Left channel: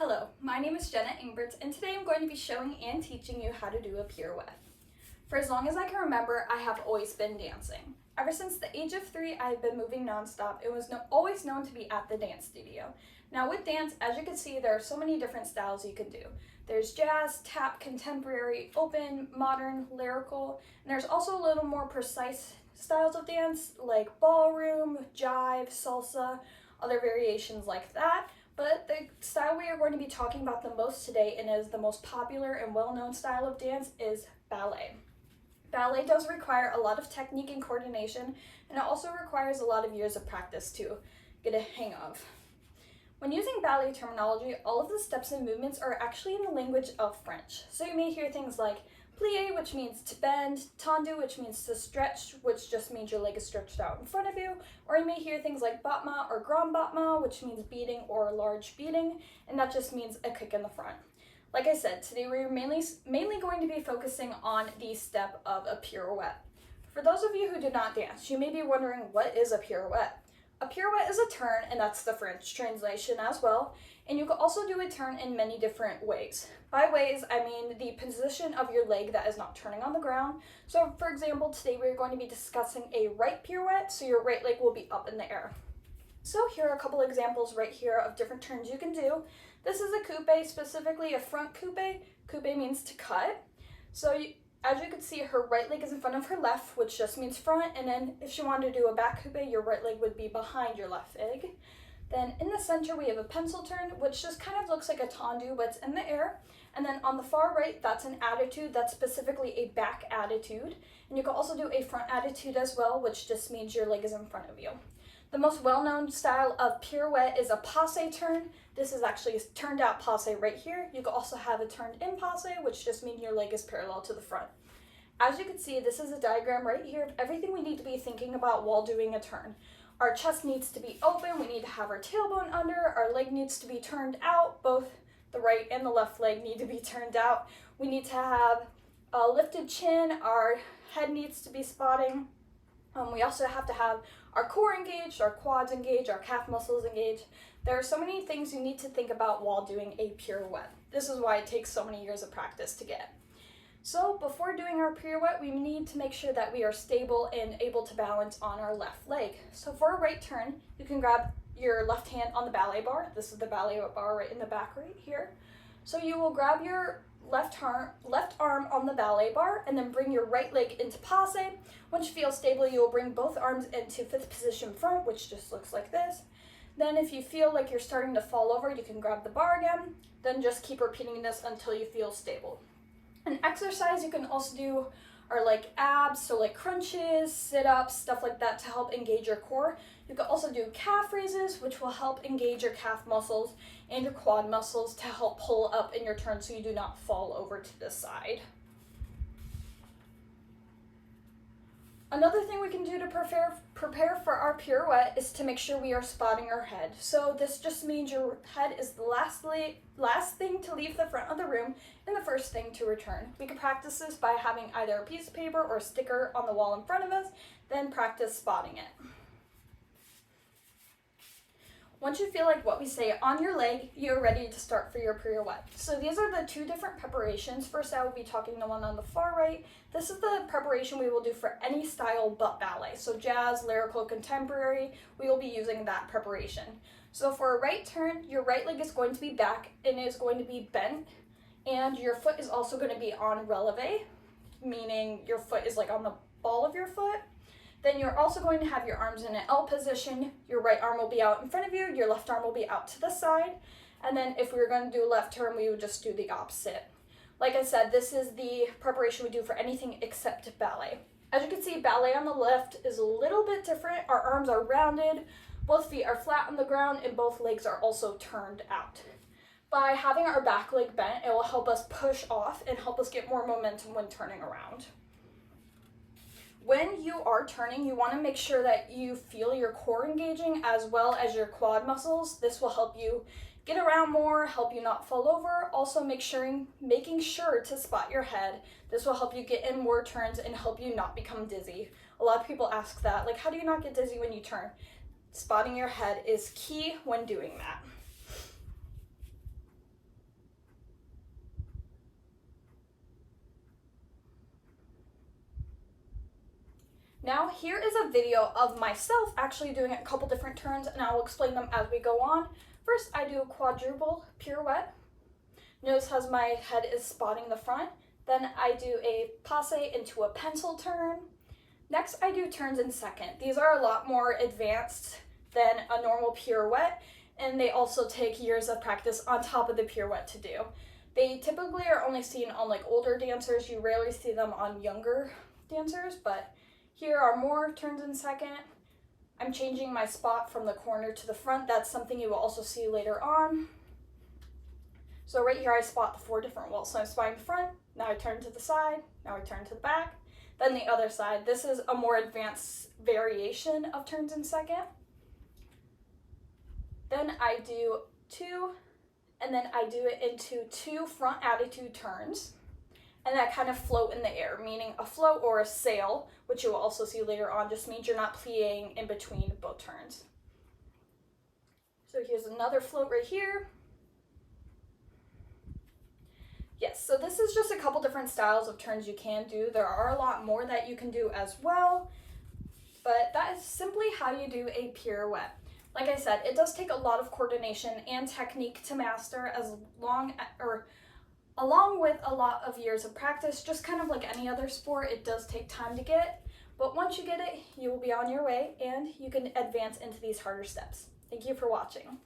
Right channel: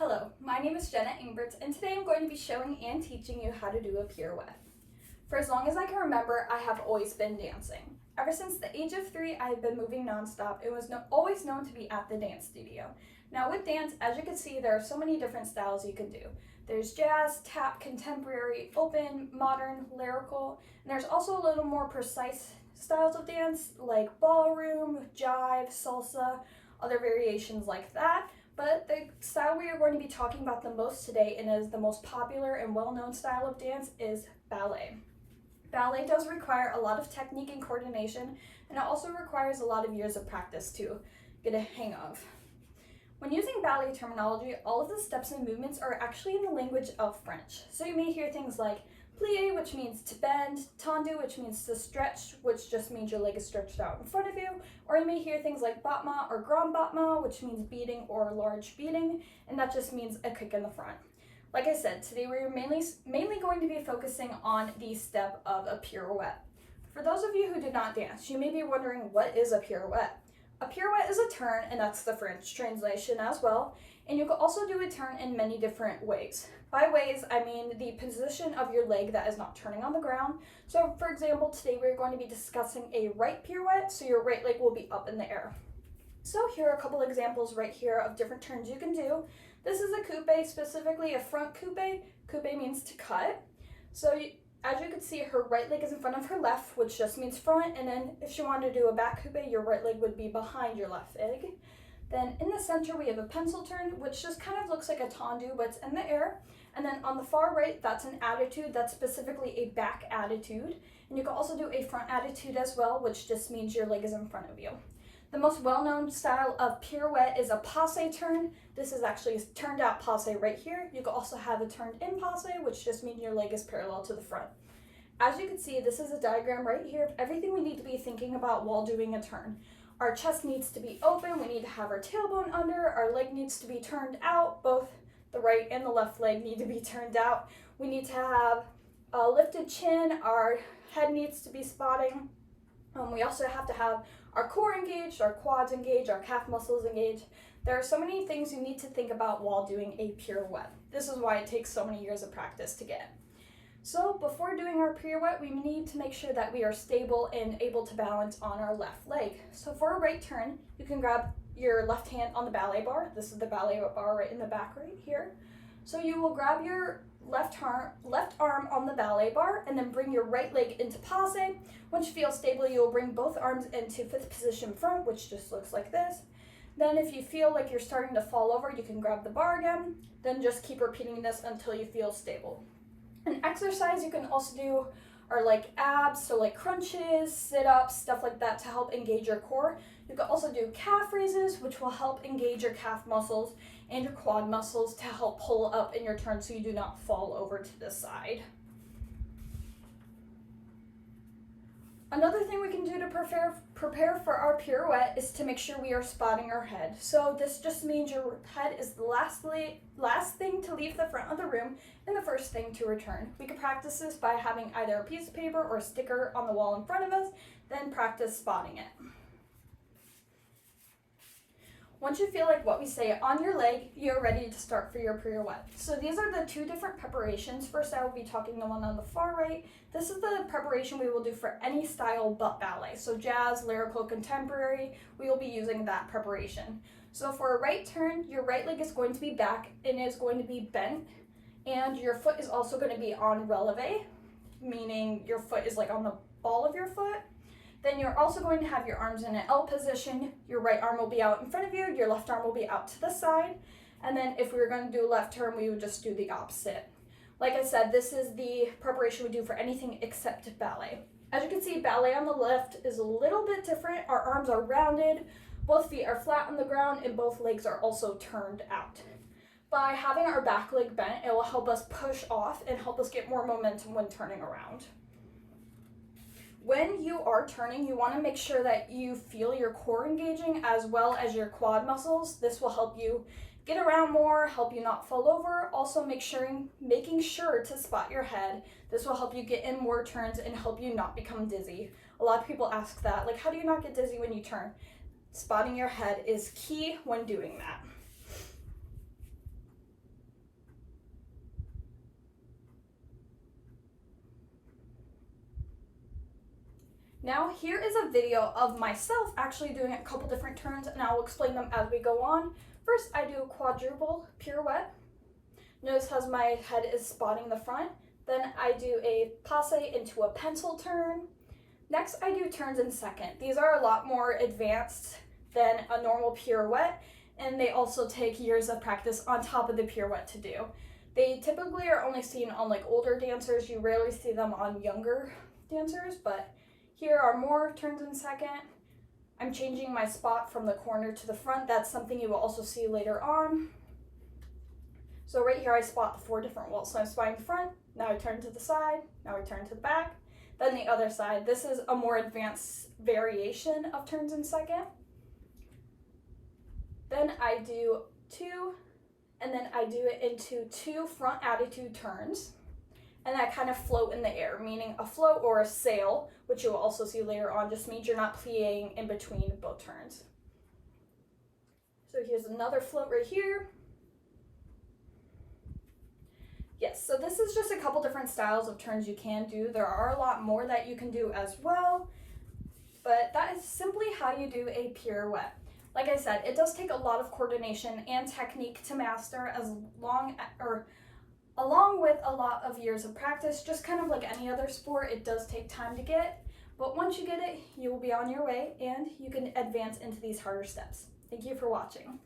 Hello, my name is Jenna Ingberts, and today I'm going to be showing and teaching you how to do a pirouette. For as long as I can remember, I have always been dancing. Ever since the age of 3, I have been moving nonstop and was always known to be at the dance studio. Now with dance, as you can see, there are so many different styles you can do. There's jazz, tap, contemporary, open, modern, lyrical, and there's also a little more precise styles of dance like ballroom, jive, salsa, other variations like that. But the style we are going to be talking about the most today, and is the most popular and well-known style of dance, is ballet. Ballet does require a lot of technique and coordination, and it also requires a lot of years of practice to get a hang of. When using ballet terminology, all of the steps and movements are actually in the language of French. So you may hear things like plié, which means to bend, tendu, which means to stretch, which just means your leg is stretched out in front of you, or you may hear things like battement or grand battement, which means beating or large beating, and that just means a kick in the front. Like I said, today we're mainly going to be focusing on the step of a pirouette. For those of you who do not dance, you may be wondering, what is a pirouette? A pirouette is a turn, and that's the French translation as well, and you can also do a turn in many different ways. By ways, I mean the position of your leg that is not turning on the ground. So for example, today we're going to be discussing a right pirouette, so your right leg will be up in the air. So here are a couple examples right here of different turns you can do. This is a coupe, specifically a front coupe. Coupe means to cut. So as you can see, her right leg is in front of her left, which just means front, and then if she wanted to do a back coupe, your right leg would be behind your left leg. Then in the center, we have a pencil turn, which just kind of looks like a tendu, but it's in the air. And then on the far right, that's an attitude. That's specifically a back attitude. And you can also do a front attitude as well, which just means your leg is in front of you. The most well-known style of pirouette is a passe turn. This is actually a turned out passe right here. You can also have a turned in passe, which just means your leg is parallel to the front. As you can see, this is a diagram right here of everything we need to be thinking about while doing a turn. Our chest needs to be open, we need to have our tailbone under, our leg needs to be turned out, both the right and the left leg need to be turned out. We need to have a lifted chin, our head needs to be spotting. We also have to have our core engaged, our quads engaged, our calf muscles engaged. There are so many things you need to think about while doing a pirouette. This is why it takes so many years of practice to get. So before doing our pirouette, we need to make sure that we are stable and able to balance on our left leg. So for a right turn, you can grab your left hand on the ballet bar. This is the ballet bar right in the back right here. So you will grab your left arm on the ballet bar and then bring your right leg into passe. Once you feel stable, you will bring both arms into fifth position front, which just looks like this. Then if you feel like you're starting to fall over, you can grab the bar again. Then just keep repeating this until you feel stable. An exercise you can also do are like abs, so like crunches, sit-ups, stuff like that to help engage your core. You can also do calf raises, which will help engage your calf muscles and your quad muscles to help pull up in your turn so you do not fall over to the side. Another thing we can do to prepare for our pirouette is to make sure we are spotting our head. So this just means your head is the last thing to leave the front of the room and the first thing to return. We can practice this by having either a piece of paper or a sticker on the wall in front of us, then practice spotting it. Once you feel like what we say on your leg, you're ready to start for your pirouette. So these are the two different preparations. First, I will be talking the one on the far right. This is the preparation we will do for any style but ballet. So jazz, lyrical, contemporary, we will be using that preparation. So for a right turn, your right leg is going to be back and is going to be bent, and your foot is also going to be on releve, meaning your foot is like on the ball of your foot. Then you're also going to have your arms in an L position. Your right arm will be out in front of you, your left arm will be out to the side. And then if we were going to do left turn, we would just do the opposite. Like I said, this is the preparation we do for anything except ballet. As you can see, ballet on the left is a little bit different. Our arms are rounded, both feet are flat on the ground, and both legs are also turned out. By having our back leg bent, it will help us push off and help us get more momentum when turning around. When you are turning, you want to make sure that you feel your core engaging as well as your quad muscles. This will help you get around more, help you not fall over. Also making sure to spot your head. This will help you get in more turns and help you not become dizzy. A lot of people ask that, like, how do you not get dizzy when you turn? Spotting your head is key when doing that. Now here is a video of myself actually doing a couple different turns, and I will explain them as we go on. First, I do a quadruple pirouette. Notice how my head is spotting the front. Then I do a passe into a pencil turn. Next, I do turns in second. These are a lot more advanced than a normal pirouette, and they also take years of practice on top of the pirouette to do. They typically are only seen on like older dancers. You rarely see them on younger dancers, but here are more turns in second. I'm changing my spot from the corner to the front. That's something you will also see later on. So right here I spot the 4 different walls. So I'm spotting the front, now I turn to the side, now I turn to the back, then the other side. This is a more advanced variation of turns in second. Then I do 2, and then I do it into 2 front attitude turns, and that kind of float in the air, meaning a float or a sail, which you will also see later on, just means you're not plieing in between both turns. So here's another float right here. Yes, so this is just a couple different styles of turns you can do. There are a lot more that you can do as well, but that is simply how you do a pirouette. Like I said, it does take a lot of coordination and technique to master, along with a lot of years of practice. Just kind of like any other sport, it does take time to get, but once you get it, you will be on your way and you can advance into these harder steps. Thank you for watching.